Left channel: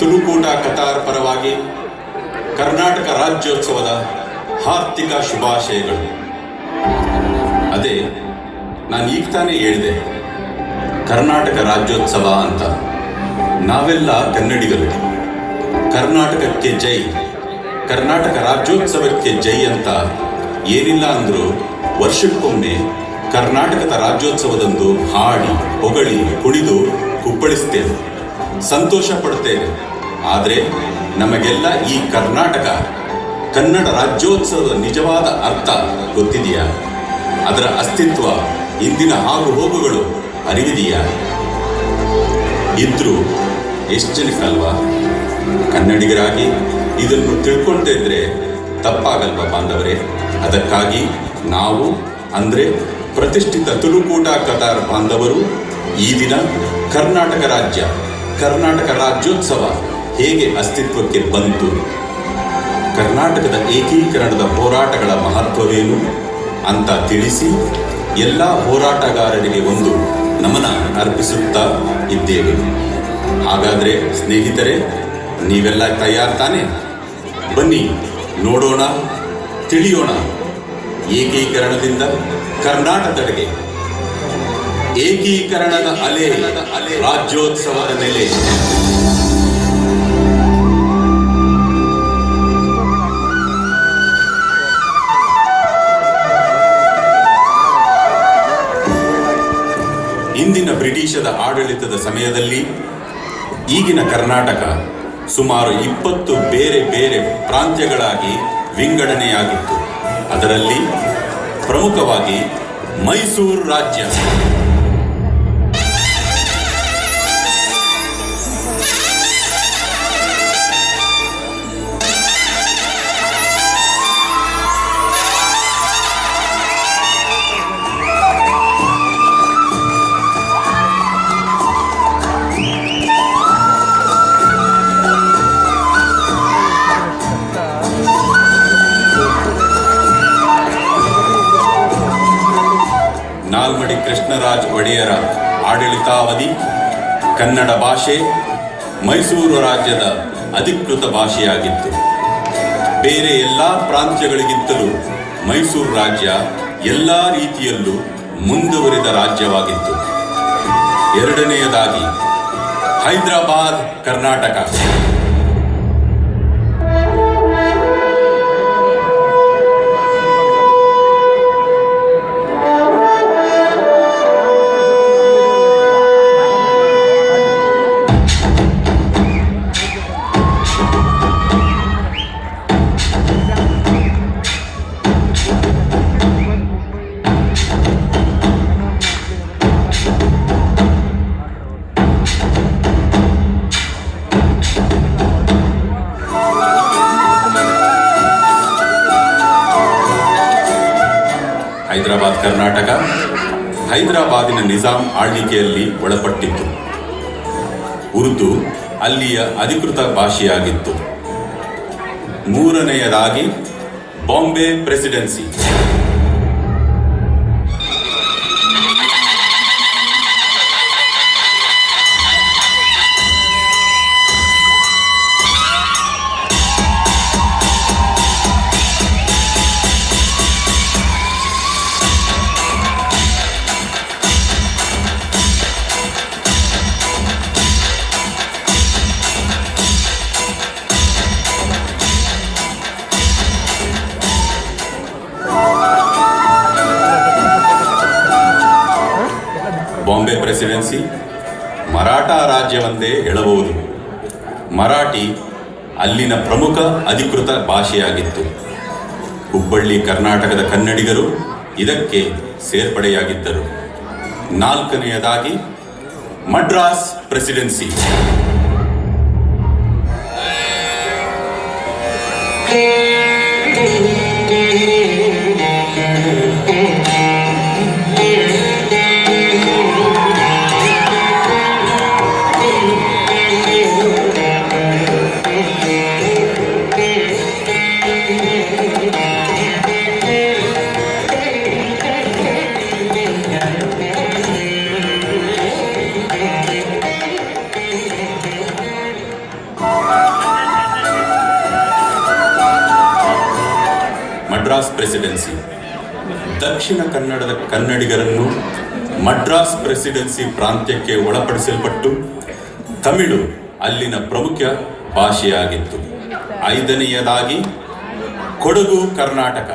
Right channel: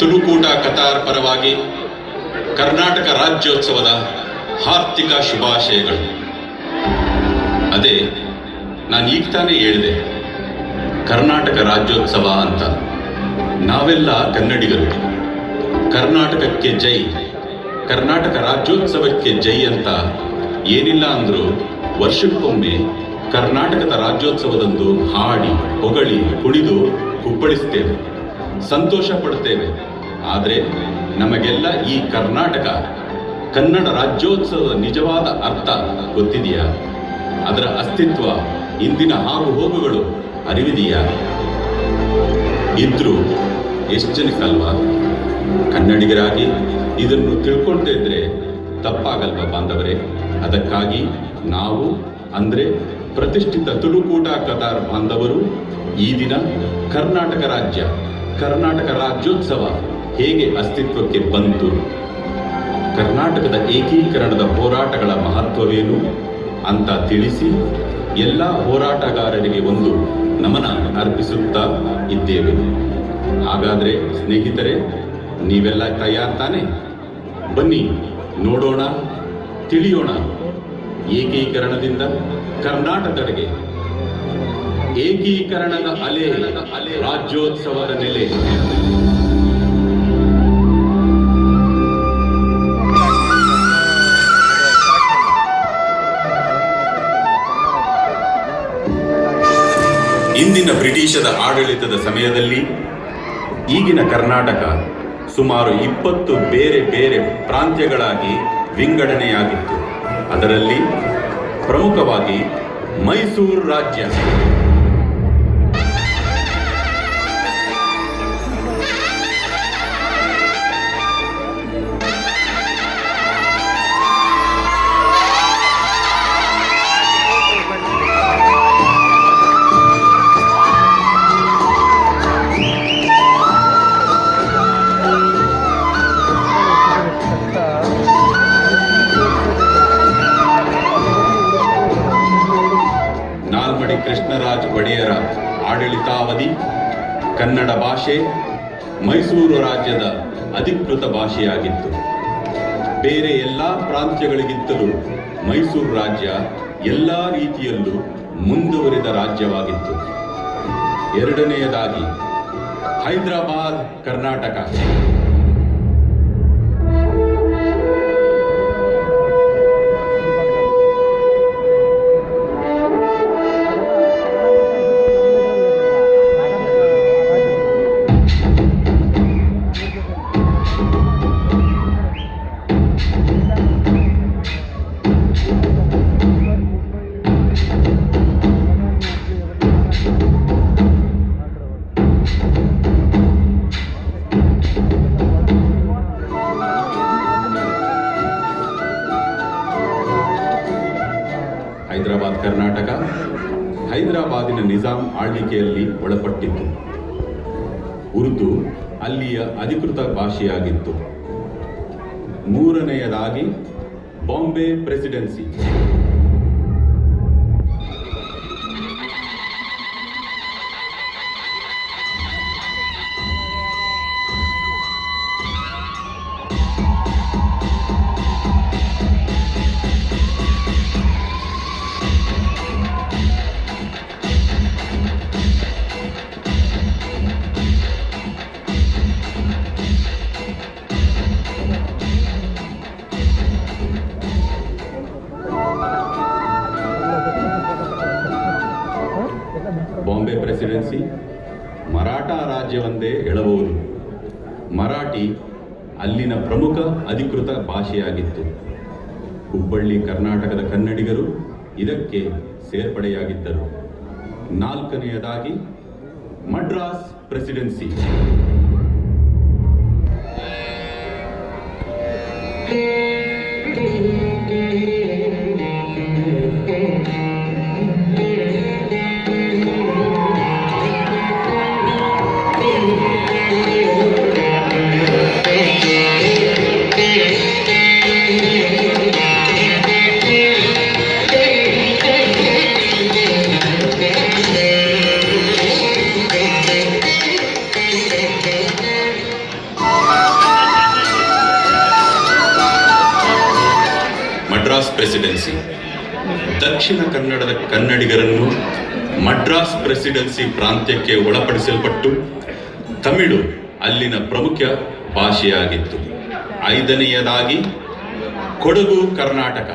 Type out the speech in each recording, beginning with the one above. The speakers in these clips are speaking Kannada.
ತುಳುಕೂಟ ಕತಾರ್ ಪರವಾಗಿ ಕರ್ನಾಟಕ ರಾಜ್ಯೋತ್ಸವದ ಹಾರ್ದಿಕ ಶುಭಾಶಯಗಳು. ಅದೇ ನಾನು ಈಗ ತಾನೇ ಹೇಳಿದೆ, ಕರ್ನಾಟಕ ರಾಜ್ಯೋತ್ಸವ ಅಂತ. ನಾವೆಲ್ಲ ಕನ್ನಡಿಗರು. ಕರ್ನಾಟಕಕ್ಕೆ ಜೈ, ಕರ್ನಾಟಕ ರಾಜ್ಯೋತ್ಸವಕ್ಕೆ ಜೈ ಅಂತ ಏನಿಲ್ಲ ಅಂದರೂ ವರ್ಷಕ್ಕೊಮ್ಮೆ ಕರ್ನಾಟಕದ ರಾಜ್ಯೋತ್ಸವದಂದು ಹಾಡಿ ಹೊಗಳಿ ಕುಣಿದು ಕುಪ್ಪಳಿಸ್ತೇವೆ, ಸಂತೋಷ ಪಡ್ತೇವೆ. ಆದರೆ ನಮಗೆಲ್ಲ ಈ ಕರ್ನಾಟಕ ಕನ್ನಡ ರಾಜ್ಯೋತ್ಸವದ ನಿಜವಾದ ಅರ್ಥ ಗೊತ್ತಿದೆಯಾ? ಅದರ ಅಸ್ತಿತ್ವ, ಇಂದಿನ ಆಗು ಹೋಗುಗಳು ಅರಿವಿದೆಯಾ? ಇದ್ರೂ ಎಷ್ಟು ಜನಕ್ಕಲ್ವಾ? ಕನ್ನಡಿಗರಾಗಿ ಇದನ್ನು ತಿಳ್ಕೊಂಡಿದ್ರೆ ತಪ್ಪಾಗಲ್ವ ಬಾಂಧವರೇ? ಅದಕ್ಕಾಗಿ ನಾವು ಅಂದರೆ ಪ್ರತಿಷ್ಠಿತ ತುಳುಕೂಟ ಕತಾರ್ ಬಾಂಧವರು ಈ ದಿನ ಕರ್ನಾಟಕ ರಾಜ್ಯ, ಕರ್ನಾಟಕ ರಾಜ್ಯೋತ್ಸವ ಹೇಗೆ ಅಸ್ತಿತ್ವಕ್ಕೆ ಬಂತು, ಕರ್ನಾಟಕದ ಏಕೀಕರಣದ ಹೋರಾಟಗಳ ಮಹತ್ವವೇನು ಅಂತ ತಿಳಿಸಿ ಎಲ್ಲ ಹೋರಾಟಗಾರರಿಗೆ ಒಂದು ನಮನ ಅರ್ಪಿಸುತ್ತಾ ಇದ್ದೇವೆ. ಹಾಗಾದರೆ ಸ್ನೇಹಿತರೆ, ನೀವೆಲ್ಲ ತಯಾರು ತಾನೆ? ಬನ್ನಿ ನೋಡೋಣ, ತಿಳಿಯೋಣ. ಏಕೀಕರಣದಿಂದ ಕರ್ನಾಟಕದೆಡೆಗೆ ಏಕೀಕರಣದ ಅಲೆ, ರಾಜ್ಯೋತ್ಸವದ ನೆಲೆ. ಇಂದಿನ ಬ್ರಿಟಿಷರ ಆಡಳಿತದ ಸಮಯದಲ್ಲಿ ಈಗಿನ ಕರ್ನಾಟಕ ಸುಮಾರು 20 ಬೇರೆ ಬೇರೆ ಪ್ರಾಂತ್ಯಗಳಾಗಿ ವಿಂಗಡಣೆಯಾಗಿತ್ತು. ಅದರಲ್ಲಿ ಪ್ರಮುಖವಾಗಿ ಮೈಸೂರು ರಾಜ್ಯ, ನಾಲ್ಮಡಿ ಕೃಷ್ಣರಾಜ ಒಡೆಯರ ಆಡಳಿತಾವಧಿ ಕನ್ನಡ ಭಾಷೆ ಮೈಸೂರು ರಾಜ್ಯದ ಅಧಿಕೃತ ಭಾಷೆಯಾಗಿತ್ತು. ಬೇರೆ ಎಲ್ಲ ಪ್ರಾಂತ್ಯಗಳಿಗಿಂತಲೂ ಮೈಸೂರು ರಾಜ್ಯ ಎಲ್ಲ ರೀತಿಯಲ್ಲೂ ಮುಂದುವರಿದ ರಾಜ್ಯವಾಗಿತ್ತು. ಎರಡನೆಯದಾಗಿ ಹೈದರಾಬಾದ್ ಕರ್ನಾಟಕ. ಹೈದರಾಬಾದ್ ಕರ್ನಾಟಕ ಹೈದರಾಬಾದಿನ ನಿಜಾಂ ಆಳ್ವಿಕೆಯಲ್ಲಿ ಒಳಪಟ್ಟಿತ್ತು. ಉರ್ದು ಅಲ್ಲಿಯ ಅಧಿಕೃತ ಭಾಷೆಯಾಗಿತ್ತು. ಮೂರನೆಯದಾಗಿ ಬಾಂಬೆ ಪ್ರೆಸಿಡೆನ್ಸಿ. ಬಾಂಬೆ ಪ್ರೆಸಿಡೆನ್ಸಿ ಮರಾಠ ರಾಜ್ಯವೊಂದೇ ಹೇಳಬಹುದು. ಮರಾಠಿ ಅಲ್ಲಿನ ಪ್ರಮುಖ ಅಧಿಕೃತ ಭಾಷೆಯಾಗಿತ್ತು. ಹುಬ್ಬಳ್ಳಿ ಕರ್ನಾಟಕದ ಕನ್ನಡಿಗರು ಇದಕ್ಕೆ ಸೇರ್ಪಡೆಯಾಗಿದ್ದರು. ನಾಲ್ಕನೆಯದಾಗಿ ಮಡ್ರಾಸ್ ಪ್ರೆಸಿಡೆನ್ಸಿ. ಮಡ್ರಾಸ್ ಪ್ರೆಸಿಡೆನ್ಸಿ. ದಕ್ಷಿಣ ಕನ್ನಡದ ಕನ್ನಡಿಗರನ್ನು ಮಡ್ರಾಸ್ ಪ್ರೆಸಿಡೆನ್ಸಿ ಪ್ರಾಂತ್ಯಕ್ಕೆ ಒಳಪಡಿಸಲ್ಪಟ್ಟು ತಮಿಳು ಅಲ್ಲಿನ ಪ್ರಮುಖ ಭಾಷೆಯಾಗಿತ್ತು. 5ನೆಯದಾಗಿ ಕೊಡಗು ಕರ್ನಾಟಕ.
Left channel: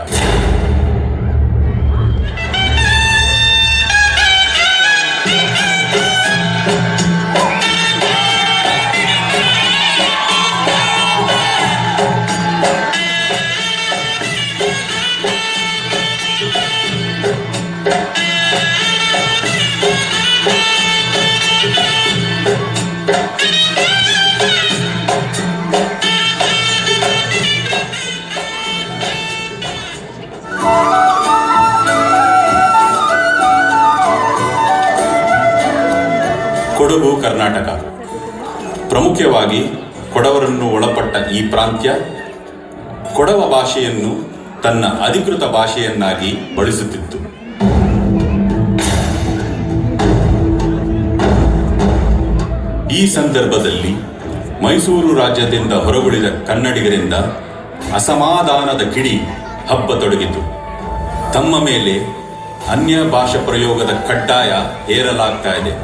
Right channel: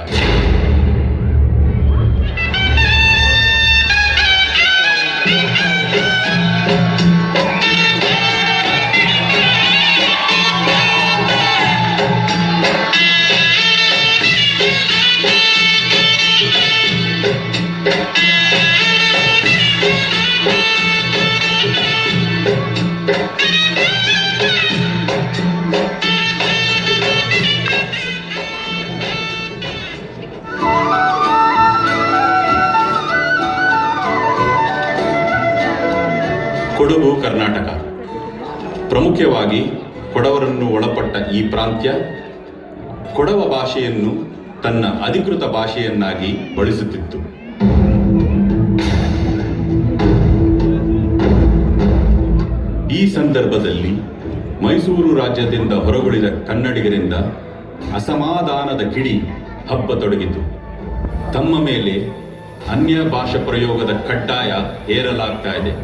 ಕೊಡಗು ಕರ್ನಾಟಕ. ಪ್ರಮುಖವಾಗಿ ಕೊಡವರನ್ನು ಒಳಪಟ್ಟ ಈ ಪ್ರಾಂತ್ಯ ಕೊಡವ ಭಾಷೆಯನ್ನು ತನ್ನ ಅಧಿಕೃತ ಭಾಷೆಯನ್ನಾಗಿ ಬಳಸುತ್ತಿತ್ತು. ಈ ಸಂದರ್ಭದಲ್ಲಿ ಮೈಸೂರು ರಾಜ್ಯದಿಂದ ಹೊರಗುಳಿದ ಕನ್ನಡಿಗರಿಂದ ಅಸಮಾಧಾನದ ಕಿಡಿ ಹಬ್ಬತೊಡಗಿತು. ತಮ್ಮ ಮೇಲೆ ಅನ್ಯ ಭಾಷಾ ಪ್ರಯೋಗದ ಕಡ್ಡಾಯ ಹೇರಲಾಗ್ತಾ ಇದೆ.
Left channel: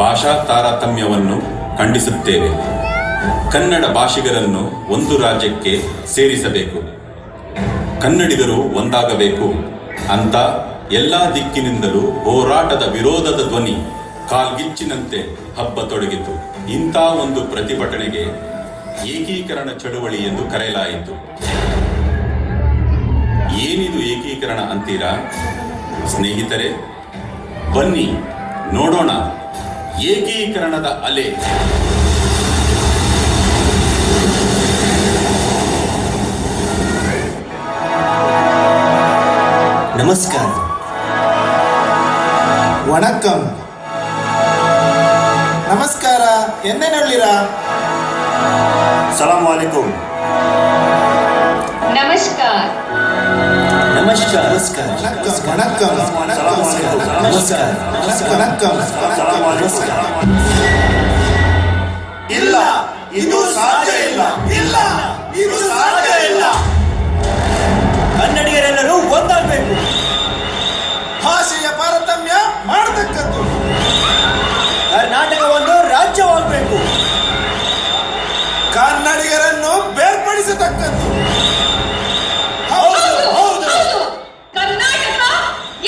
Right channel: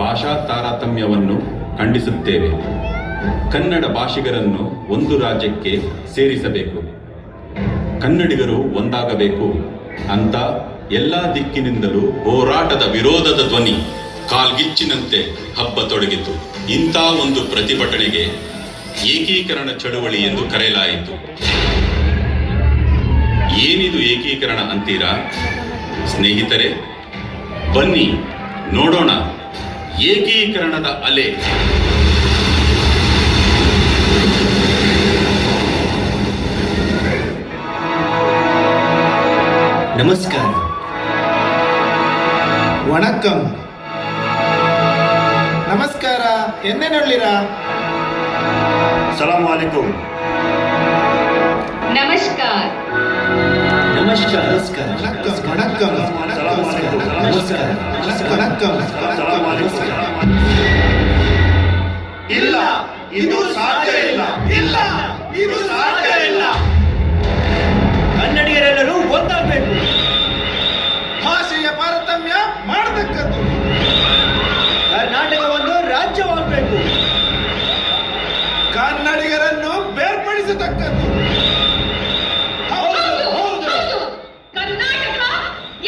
ಭಾಷಾ ತಾರತಮ್ಯವನ್ನು ಖಂಡಿಸುತ್ತೇವೆ. ಕನ್ನಡ ಭಾಷಿಗರನ್ನು ಒಂದು ರಾಜ್ಯಕ್ಕೆ ಸೇರಿಸಬೇಕು, ಕನ್ನಡಿಗರು ಒಂದಾಗಬೇಕು ಅಂತ ಎಲ್ಲ ದಿಕ್ಕಿನಿಂದಲೂ ಹೋರಾಟದ ವಿರೋಧದ ಧ್ವನಿ ಕಾಲ್ಗಿಚ್ಚಿನಂತೆ ಹಬ್ಬತೊಡಗಿತು. ಇಂಥ ಒಂದು ಪ್ರತಿಭಟನೆಗೆ ಏಕೀಕರಣ ಚಳುವಳಿ ಎಂದು ಕರೆಯಲಾಯಿತು. ಏನಿದು ಏಕೀಕರಣ ಅಂತೀರಾ ಸ್ನೇಹಿತರೆ? ಬನ್ನಿ ನೋಡೋಣ ಏಕೀಕರಣದ ಅಲೆ. ನಮಸ್ಕಾರ, ವಣಕ್ಕಂ. ನಮಸ್ಕಾರ, ಎಂದೇನಲ್ಲಿರಾ? ಸಲಾಮ್ ವಾಲೇಕುಂ. ನಮಸ್ಕಾರ. ನಮಸ್ಕಾರ. ನಮಸ್ಕಾರ. ವಣಕ್ಕಂ. ನಮಸ್ಕಾರ. ವಣಕ್ಕಂ. ಇಲ್ಲ, ಇದು ಸಾಧ್ಯ ಇಲ್ಲ. ಇಲ್ಲ, ಇದು ಸಾಧ್ಯ ಇಲ್ಲ. ಕನ್ನಡಿಗರೆಲ್ಲರೂ ಒಂದಾಗಬೇಕು. ಭಾಷೆಯ ತಾರತಮ್ಯ ಮಾಡತಕ್ಕದ್ದು. ಕರ್ನಾಟಕ ಒಂದು ರಾಜ್ಯವಾಗಬೇಕು. ಕನ್ನಡಿಗರನ್ನು ಬೇರ್ಪಡಿಸತಕ್ಕದ್ದು. ಕರ್ನಾಟಕ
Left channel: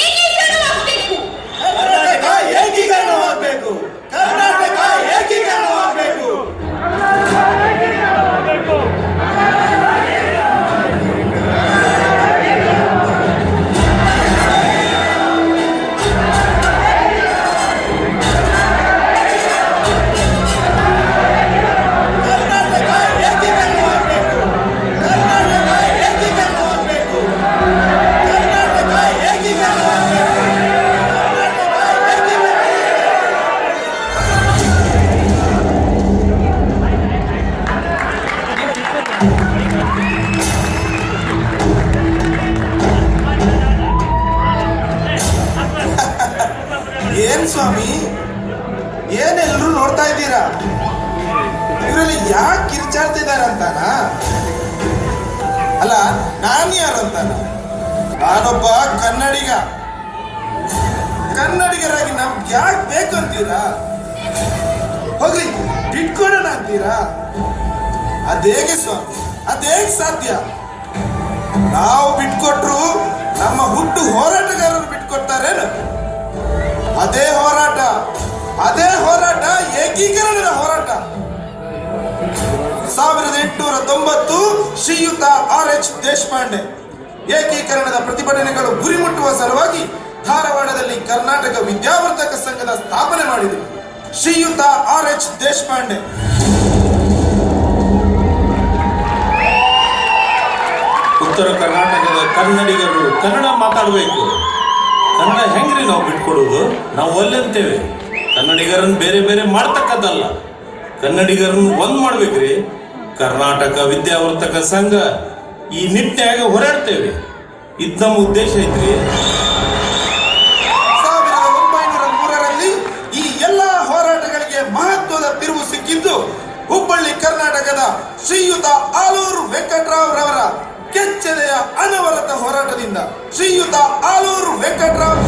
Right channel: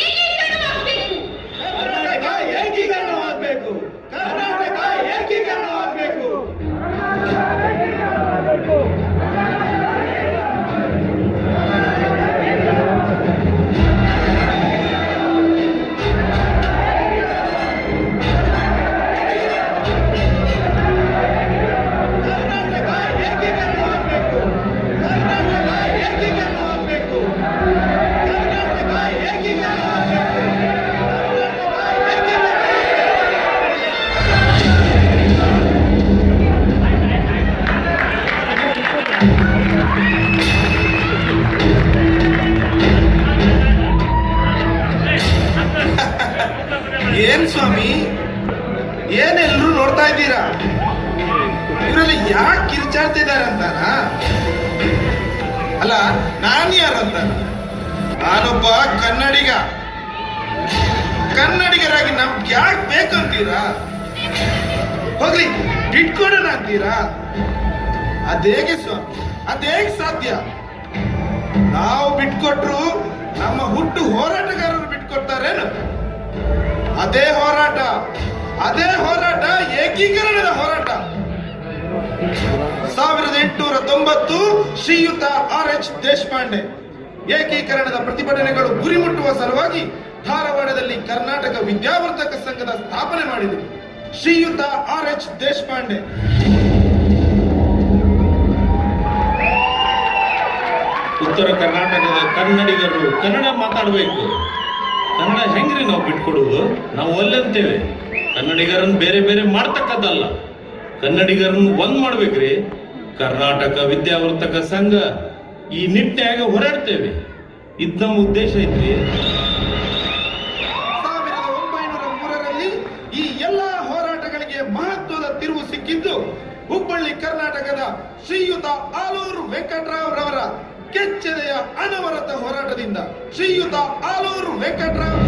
ಏಕೀಕರಣವಾಗಬೇಕು. ಕರ್ನಾಟಕ ಏಕೀಕರಣವಾಗಬೇಕು. ಕರ್ನಾಟಕ ಏಕೀಕರಣವಾಗಬೇಕು. ಏನ್ ಸ್ವಾಮಿ, ಏನೆಲ್ಲರೂ ನೋಡ್ತಾ ಇದ್ದೀರಾ? ಇವರಲ್ಲಿ ಯಾಕೆ ಕಿರ್ಚಾಡ್ತಿದ್ದಾರೆ ಅಂತಾನ? ಅಲ್ಲ, ನಾನು ಯಾರಂತಾನ? ನಾನೊಬ್ಬ ಕನ್ನಡಿಗ. ಕನ್ನಡಿಗರಾಗಿ ನಮ್ಗೆ ಯಾಕೆ ಬೇಕಂತೀರಾ? ಹೋಗ್ಲಿ, ಬಿಟ್ಕೊಡೋಣ ಅಂತೀರಾ? ಅದೇಗೆ ಸ್ವಾಮಿ, ಅದೇಗೆ ಸಾಧ್ಯ? ನಾವು ಬಿಟ್ಕೊಟ್ರು ನಮ್ಮ ಹುಟ್ಟು ಹೋರಾಟಗಾರರು ಬಿಟ್ಕೊಡ್ತಾರೇನು? ಅದೇ ಹೋರಾಟ ಏಕೀಕರಣದ ಹೋರಾಟ. 1890 ಶ್ರೀಯುತ R.H. ದೇಶಪಾಂಡೆ ಏಕೀಕರಣದ ಪ್ರತಿಭಟನೆಗಳು ಗುರಿ ಮುಟ್ಟುವ ಸಲುವಾಗಿ ಧಾರವಾಡದಲ್ಲಿ ಕರ್ನಾಟಕ ವಿದ್ಯಾವರ್ಧಕ ಸಂಘದ ಸ್ಥಾಪನೆ ಮಾಡಿದರು. ಶ್ರೀಯುತ R.H. ದೇಶಪಾಂಡೆ ಉತ್ತರ ಕರ್ನಾಟಕದ ಕನ್ನಡಿಗರು ಕನ್ನಡ ಮಾತಾಡಬೇಕು. ಕನ್ನಡ ಹೆಂಗ್ರಿ ನಾವು ಬಿಟ್ಕೊಡೋದು? ನಾವು ಒಲ್ಲೆಂತೇವೆ. ಕನ್ನಡಿಗರನ್ನು ಬೇರೆ ಬೇರೆ ಮಾಡ್ತಕ್ಕದ್ದಲ್ಲ, ಕನ್ನಡಿಗರನ್ನು ಒಂದ್ ಮಾಡ್ಬೇಕ್ರಿ. ಕರ್ನಾಟಕ ವಿದ್ಯಾವರ್ಧಕ ಸಂಘ ಈ ನಿಟ್ಟಿನಾಗ ಹೋರಾಡ್ತೇವೆ. ಇದು ನಮ್ಮ ಉದ್ದೇಶ ಐತ್ರಿ. 1903ರಲ್ಲಿ ಈ ಎಲ್ಲ ಹೋರಾಟಗಳಿಗೆ ಮಹತ್ವದ ತಿರುವು ಸಿಕ್ಕಿದ್ದು ಹುಬ್ಬಳ್ಳಿ ಕರ್ನಾಟಕದ ಶ್ರೀಯುತ ಆಲೂರು ವೆಂಕಟರಾವ್ ರವರ ಕೆಚ್ಚೆದೆಯ ಅನವರತ ಹೋರಾಟದಿಂದ ಶ್ರೀಯುತ ಆಲೂರು ವೆಂಕಟರಾವ್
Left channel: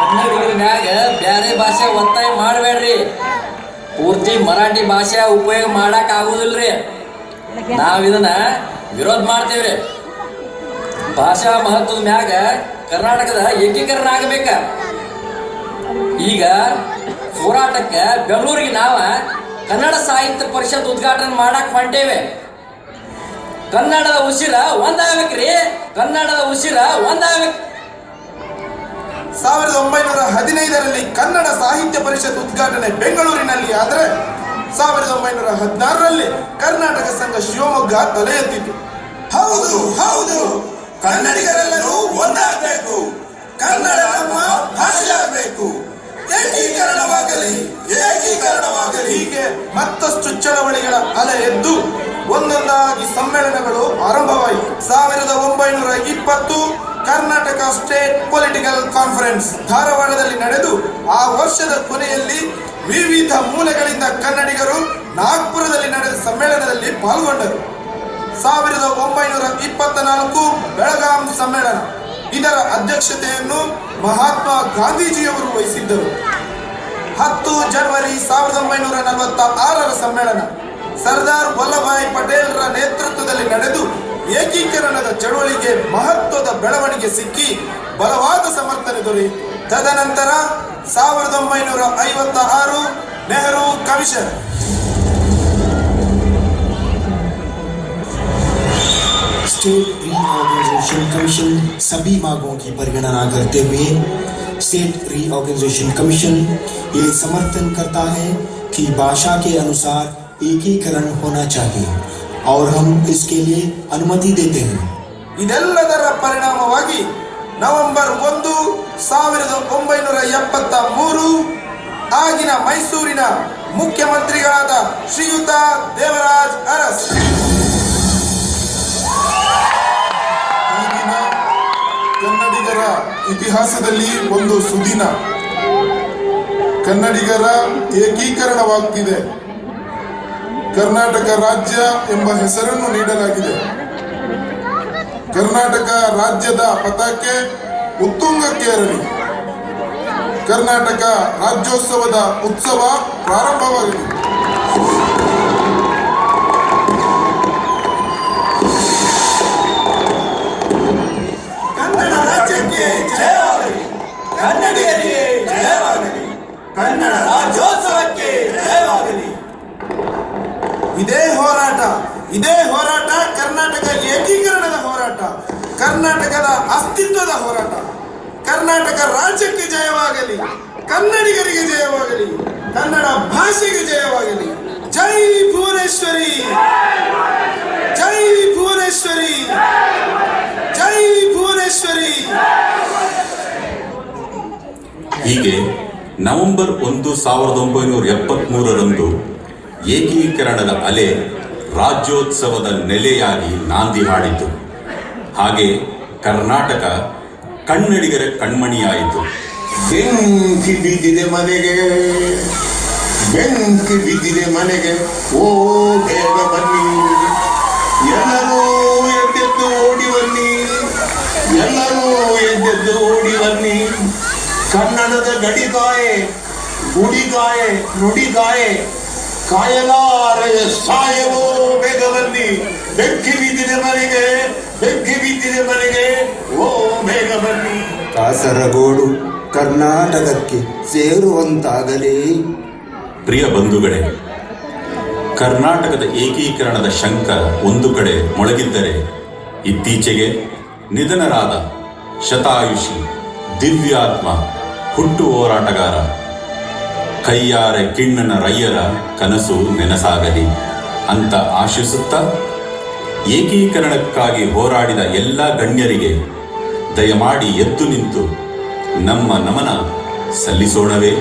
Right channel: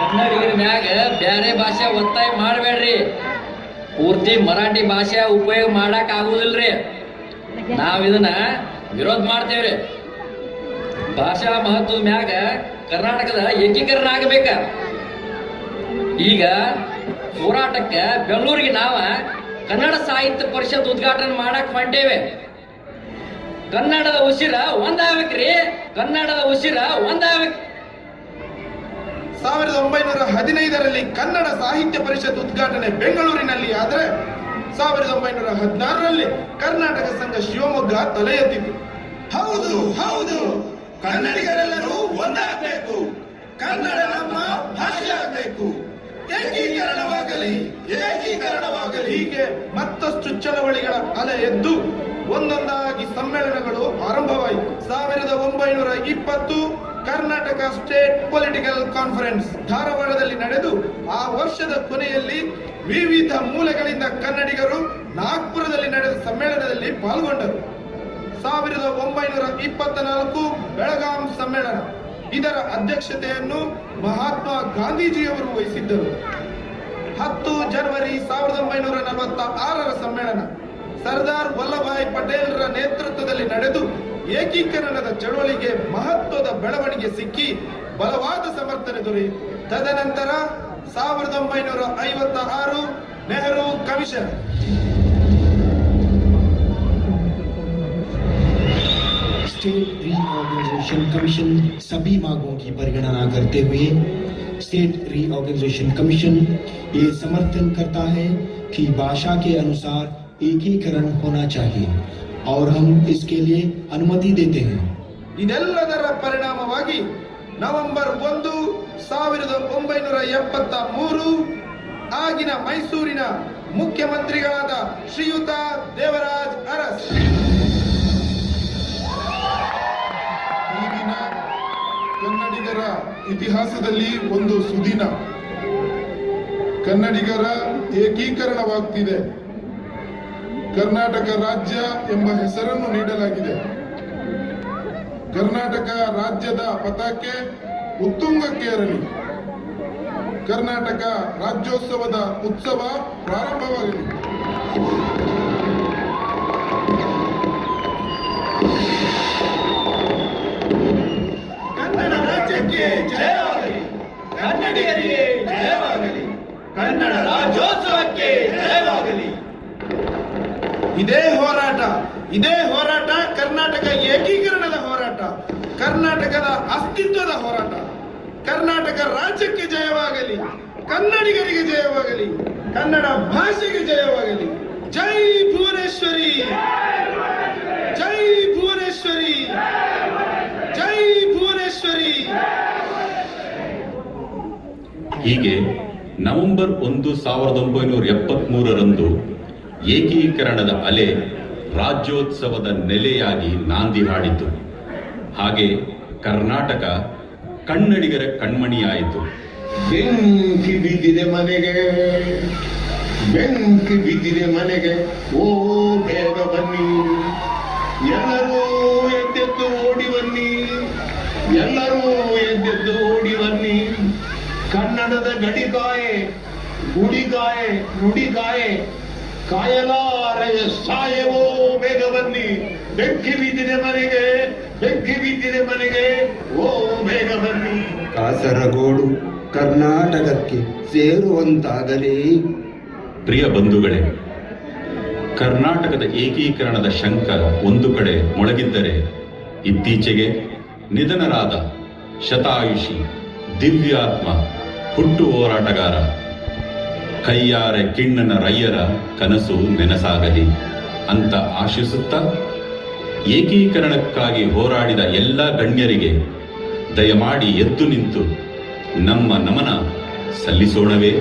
ಕನ್ನಡಿಗರ ಮ್ಯಾಗ ಬ್ಯಾರೆ ಭಾಷೆ ಒತ್ತಾಯ ಮಾಡಬೇಡ್ರಿ. ಪೂರ್ತಿ ಮರಾಠಿ ಭಾಷೆ ಉಪಯೋಗ ಮಾಡಕ್ ಆಗುದಿಲ್ರಿ. ನಾವ್ ಇದನ್ನ ವಿರೋಧ ಮಾಡ್ತೇವ್ರಿ. ಭಾಷಾ ಮಹತ್ವದ ಮ್ಯಾಗ ಕರ್ನಾಟಕದ ಏಕೀಕರಣ ಆಗಬೇಕ. ಈಗ ಹೋರಾಟಕ್ಕೆ ಬೆಂಗಳೂರಿಗೆ ನಾವ ಕನ್ನಡ ಸಾಹಿತ್ಯ ಪರಿಷತ್ ಉದ್ಘಾಟನೆ ಮಾಡಕ್ ಹೊಂಟೇವೆ. ಕನ್ನಡದ ಉಸಿರ ಒಂದಾಗಬೇಕ್ರಿ. ಕನ್ನಡದ ಉಸಿರ ಒಂದಾಗಬೇಕು. 1915ರಲ್ಲಿ ಕನ್ನಡ ಸಾಹಿತ್ಯ ಪರಿಷತ್ ಉದ್ಘಾಟನೆ ಬೆಂಗಳೂರಿನಲ್ಲಿ ಆದರೆ 1916ರಲ್ಲಿ ಕರ್ನಾಟಕ ಸಂಘ ಶಿವಮೊಗ್ಗ ತಲೆ ಎತ್ತಿತು. ಹೌದು ಹೌದು, ಕನ್ನಡಿಗರೆಲ್ಲರೂ ಒಂದಾಗಬೇಕು. ಕನ್ನಡ ನಮ್ಮ ಭಾಷೆಯಾಗಬೇಕು. ಏಕೀಕರಣವಾಗಲಿ, ಏಕೀಕರಣವಾಗಲಿ. ಹೀಗೆ ಮತ್ತಷ್ಟು ಚಳವಳಿಗಳ ಅಲೆ ಎದ್ದು ಒಂದೊಂದಾಗಿ ಸಮ್ಮೇಳನಗಳು ಆರಂಭವಾಯಿತು. 1920 ಕರ್ನಾಟಕ ಸ್ಟೇಟ್ ಪೊಲಿಟಿಕಲ್ ಕಾನ್ಫರೆನ್ಸ್ ಧಾರವಾಡದಲ್ಲಿ ನಡೆದು ಆ ವರ್ಷದ ಕೊನೆಯಲ್ಲಿ ವಿವಿಧ ಮೂಲೆಗಳಿಂದ ಕನ್ನಡಿಗರು ನಾಗ್ಪುರದಲ್ಲಿ ನಡೆದ ಸಮ್ಮೇಳನದಲ್ಲಿ ಪಾಲ್ಗೊಂಡರು. 1924 ಬೆಳಗಾಂ ಸಮ್ಮೇಳನ, ಇದರ ಅಧ್ಯಕ್ಷತೆಯನ್ನು ಮಹಾತ್ಮ ಗಾಂಧೀಜಿಯವರು ವಹಿಸಿದ್ದರು. 10 ಜನವರಿ 1946 ಸಮ್ಮೇಳನ ಸರ್ದಾರ್ ವಲ್ಲಭಾಯ್ ಪಟೇಲ್ರ ನೇತೃತ್ವದಲ್ಲಿ ನಡೆದು ಏಕೀಕರಣದ ಚಳವಳಿಗೆ ಮಹತ್ವದ ಬೆಳವಣಿಗೆ ಸಿಕ್ಕಿ ಬಲವಾದ ಸಮರ್ಥನೆ ದೊರೆಯಿತು. ತದನಂತರ 1956 Nehru commission. State reorganisation commission सभी मांगों की परिगणना करते हुए स्टेट रीऑर्गेनाइजेशन कमीशन ये समर्थन करता है कि भाषा के अनुसार एकीकरण होना चाहिए और हम इसके लिए अनुमति देते हैं. ಇದೆಲ್ಲದರ ಪರಿಣಾಮವಾಗಿ ನವೆಂಬರ್ 1, 1973 ಆಗಿನ ಮೈಸೂರಿನ ಮುಖ್ಯಮಂತ್ರಿಗಳಾದ ಶ್ರೀಯುತ ದೇವರಾಜ್ ಅರಸ್ ಈಗಿನ ಕನ್ನಡಿಗರ ಇತಿಹಾಸದಲ್ಲಿ ಒಂದು ಸುದಿನ. ಕನ್ನಡಿಗರ ಏಕೀಕರಣವಾಗ್ತಿದೆ. ಕರ್ನಾಟಕ ರಾಜ್ಯ ಎಂಬ ಹೆಸರನ್ನು ನೀಡಲಾಗಿದೆ. ಕರ್ನಾಟಕ ರಾಜ್ಯದ ಪತಾಕೆ ಉತ್ತುಂಗಕ್ಕೇರಲಿ. ಕರ್ನಾಟಕ ರಾಜ್ಯೋತ್ಸವದ ಉತ್ಸವ ಪ್ರಾರಂಭವಾಗಲಿ. ಕನ್ನಡ ರಾಜ್ಯಕ್ಕೆ ಜಯವಾಗಲಿ. ಕನ್ನಡಿಗರಿಗೆ ಜಯವಾಗಲಿ. ಕನ್ನಡ ರಾಜ್ಯೋತ್ಸವಕ್ಕೆ ಜಯವಾಗಲಿ. ಇದೇ ಹೋರಾಟ ಕರ್ನಾಟಕ ಏಕೀಕರಣದ ಹೋರಾಟ, ಕರ್ನಾಟಕದ ಅಸ್ತಿತ್ವದ ಹೋರಾಟ. ಕರ್ನಾಟಕ ರಾಜ್ಯಕ್ಕೆ ಜಯವಾಗಲಿ, ಕನ್ನಡಿಗರಿಗೆ ಜಯವಾಗಲಿ, ಕನ್ನಡ ಭಾಷೆಗೆ ಜಯವಾಗಲಿ. ಜೈ ಭುವನೇಶ್ವರಿ, ಜೈ ಭುವನೇಶ್ವರಿ, ಜೈ ಭುವನೇಶ್ವರಿ. ಹೀಗೆ ನವೆಂಬರ್ 1, 1973ರಂದು ಏಕೀಕರಣದ ಅಲೆ ರಾಜ್ಯೋತ್ಸವದ ನೆಲೆಯಾಗಿ ನಾಂದಿ ಹಾಡಿತು. ಹಾಗೆ ಕರ್ನಾಟಕ ಕನ್ನಡಿಗರ ಕಣ್ಮಣಿಯಾಯಿತು. ಬೆಂಕಿ ಬಿದ್ದಿದೆ ಮನೆಗೆ, ಬೆಂಕಿ ಬಿದ್ದಿದೆ ಮನೆಗೆ, ಓ ಬೇಗ ಬನ್ನಿ, ಎಲ್ಲರೂ ಎದ್ದೆದ್ದು ಓಡಿ ಬನ್ನಿ, ಎಲ್ಲರೂ ಎದ್ದೆದ್ದು ಓಡಿ ಬನ್ನಿ. ಕನ್ನಡದ ಗಡಿಗಾಯೆ, ಗುಡಿಗಾಯೆ, ನುಡಿಗಾಯೆ, ಕಾಯಲಾರೆಯ ಸಾಯವೋ ಬೇಗ ಬನ್ನಿ. ಬೆಂಕಿ ಬಿದ್ದಿದೆ ಮನೆಗೆ, ಬೆಂಕಿ ಬಿದ್ದಿದೆ ಮನೆಗೆ, ಓ ಬೇಗ ಬನ್ನಿ. ಕಾಸರಗೋಡು ಕರ್ನಾಟಕಕ್ಕೆ ಸೇರುವಂತಾಗಲಿ. ಪ್ರಿಯ ಬಂಧುಗಳೇ, ಕರ್ನಾಟಕದ ಏಕೀಕರಣದ ಶಂಕ ಒಂದು ಕಡೆ ಮೊಳಗಿದ್ದರೆ, ಇತ್ತೀಚೆಗೆ ನಿಧನರಾದ ಶತಾಯುಷಿ ದಿವ್ಯಾತ್ಮ ಹುಟ್ಟು ಹೋರಾಟಗಾರ ಕಯ್ಯಾರ ಕಿಣ್ಣನ ರಯ್ಯರ ಕನಸು ನೆನಸಾಗಲಿ ಅಂತ ಆಶಿಸುತ್ತಾ, ಏಕೀಕರಣಕ್ಕಾಗಿ ಹೋರಾಡಿದ ಎಲ್ಲ ಗಣ್ಯರಿಗೆ ದಯಮಾಡಿ ಎದ್ದು ನಿಂತು ನಮ್ಮ ನಮನ ಸಲ್ಲಿಸೋಣವೇ.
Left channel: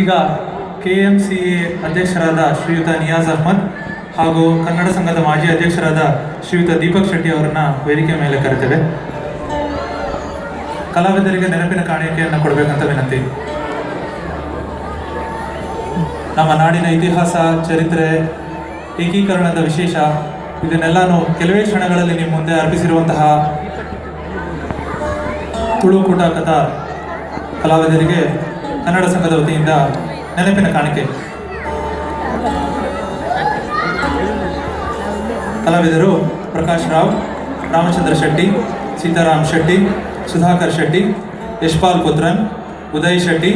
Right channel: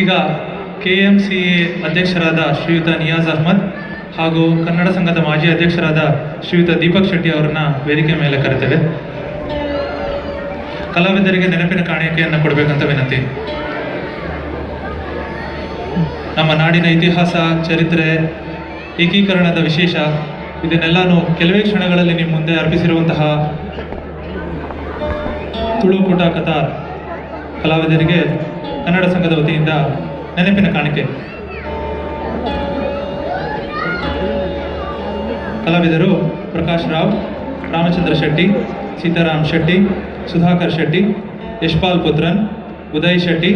ಈಗ KMCA ಅಧ್ಯಕ್ಷರಾದ ಶ್ರೀಯುತ ನಿಯಾಜ್ ಅಹ್ಮದ್ ಹಾಗೂ ಕನ್ನಡ ಸಂಘದ ಮಾಜಿ ಅಧ್ಯಕ್ಷರಾದ ಶ್ರೀಯುತ ದೀಪಕ್ ಶೆಟ್ಟಿ ಅವರನ್ನ ವೇದಿಕೆ ಮೇಲೆ ಕರೆತೇವೆ. ಕಲಾವಿದರಿಗೆ ನೆನಪಿನ ಕಾಣಿಕೆಯನ್ನು ಕೊಡಬೇಕಂತ ವಿನಂತಿ. ನಮ್ಮ ನಾಡಿನ ಇತಿಹಾಸ, ಚರಿತ್ರೆ, ಏಕೀಕರಣದ ವಿಶೇಷ ಇದನ್ನೆಲ್ಲಾನು ಕೆಲವೇ ಕ್ಷಣಗಳಲ್ಲಿ ನಿಮ್ಮ ಮುಂದೆ ಅರ್ಪಿಸಿರುವಂತಹ ತುಳು ಕೂಟ ಕಥಾ ಕಲಾವಿದರಿಗೆ ಕನ್ನಡ ಸಂಘದ ವತಿಯಿಂದ ನೆನಪಿನ ಕಾಣಿಕೆ. ಕಲಾವಿದರು ಪ್ರಕಾಶ್ ರಾವ್, ರಾಮಚಂದ್ರ ಶೆಟ್ಟಿ, ಸೀತಾರಾಮ್ ಶೆಟ್ಟಿ, ಸುಧಾಕರ್ ಶೆಟ್ಟಿ, ಯಶ್ಪಾಲ್ ಪುತ್ರನ್, ಉದಯ್ ಶೆಟ್ಟಿ,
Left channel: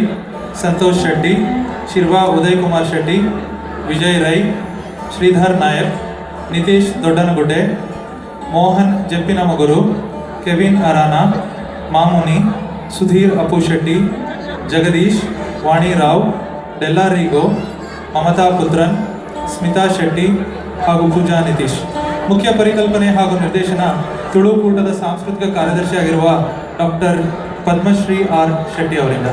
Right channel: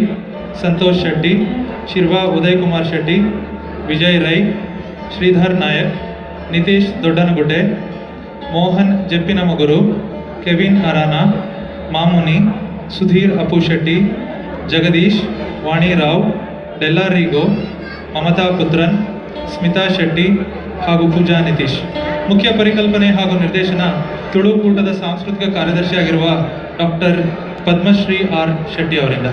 ಸಂತೋಷ್ ಶೆಟ್ಟಿ, ಶಿರ್ವಾ ಉದಯ್ ಕುಮಾರ್ ಶೆಟ್ಟಿ, ವಿಜಯ್ ರೈ, ಶ್ರೀಧರ್ ನಾಯಕ್, ನಿತೀಶ್ ದೊಡ್ಡನಗುಡ್ಡೆ, ಮೋಹನ್ ಜಪ್ಪಿನಮಗುರು, ಕೆವಿನ್ ಅರಾನಾ, ಮಾಮುನಿ, ಸುಧೀರ್ ಅಪ್ಪು ಶೆಟ್ಟಿ, ಜಗದೀಶ್, ವಾಣಿ ರಾವ್, ಡೆಲ್ಲಾರಿಗೋ, ಮಮತಾ ಪುತ್ರನ್, ಸ್ಮಿತಾ ಶೆಟ್ಟಿ ಹಾಗೂ ಪೂಜಾ ನಿತೀಶ್. ಮುಖ್ಯ ಪರಿಕಲ್ಪನೆ ಹಾಗೂ ನಿರ್ದೇಶನ ತುಳು ಕೂಟದ ಸಾಂಸ್ಕೃತಿಕ ಕಾರ್ಯದರ್ಶಿಯಾಗಿರುವ ಡಾಕ್ಟರ್ ಪದ್ಮಶ್ರೀ ಆರ್ ಶೆಟ್ಟಿ ಅವರಿಂದ.